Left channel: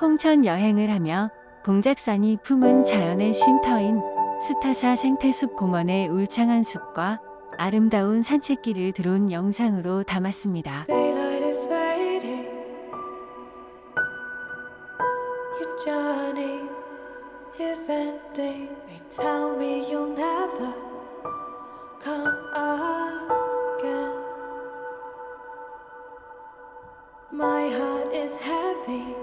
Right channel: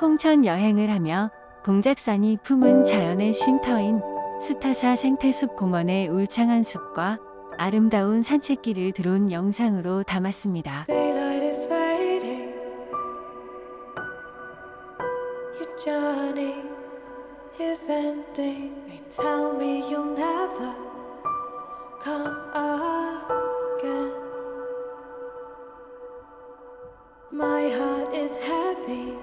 홍천 여행을 하며 봉작산이 품은 자연의 쉼터인 수타사 생태숲 공원의 울창한 숲과 아름다운 산책길을 드론 영상으로 담았습니다. Daylight is fading. Your journey is ending. They tell me you'll never come again. My heart is heavy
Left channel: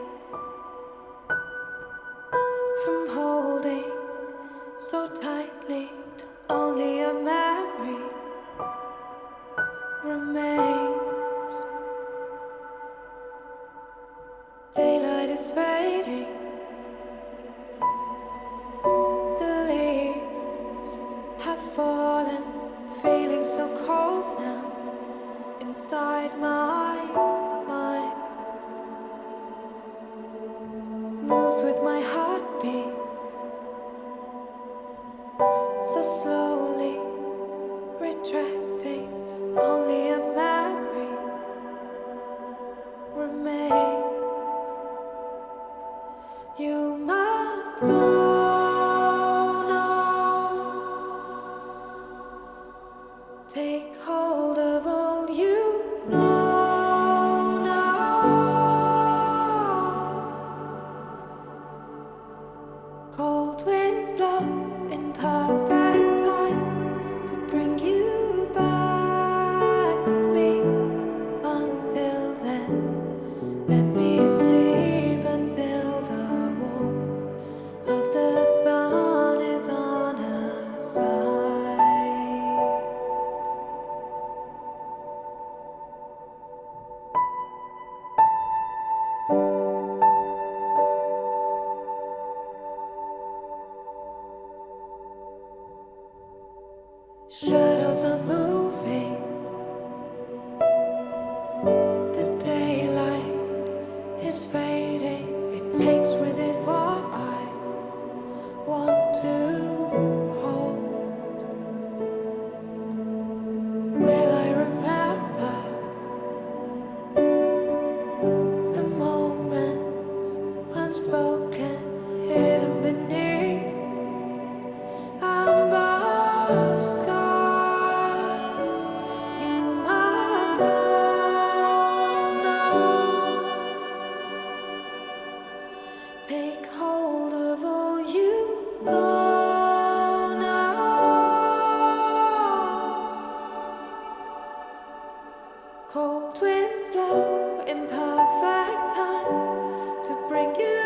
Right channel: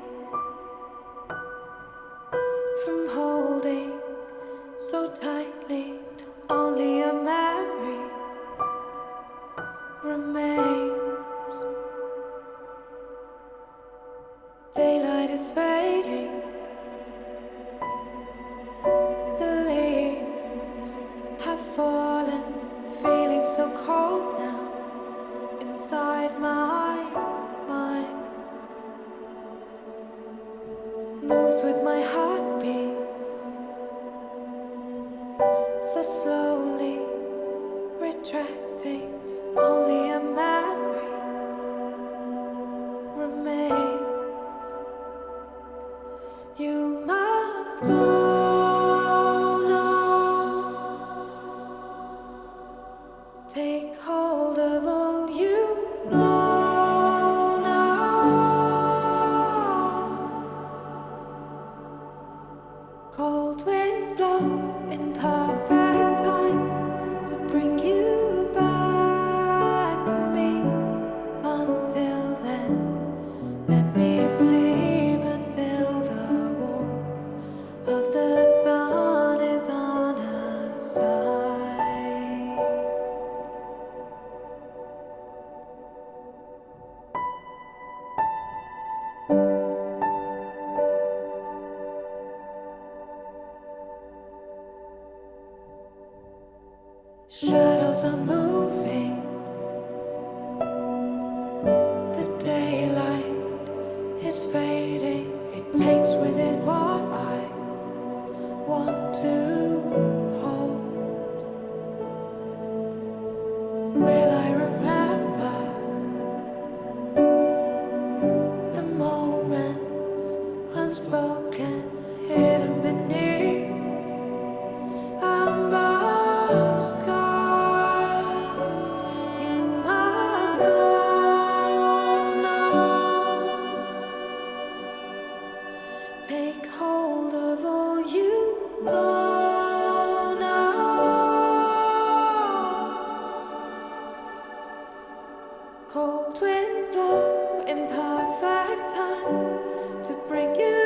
from holding so tightly till only a memory remains. Daylight is fading. The leaves have fallen, feeling so cold now inside my mind. Moves with my heartbeat so slowly, retracting till only a memory remains. You must go now. Take hold of all you know now. Cold winds blow in perfect time to bring you back to me. Until then, let me sleep until the warmth of the sun is on our side. Shadows are moving. The daylight is fading. It takes with it what I want to hold. Will I remember the moments unspoken, hidden beneath amber skies? You must go now. Take hold of all you know now. Cold winds blow in perfect time to bring you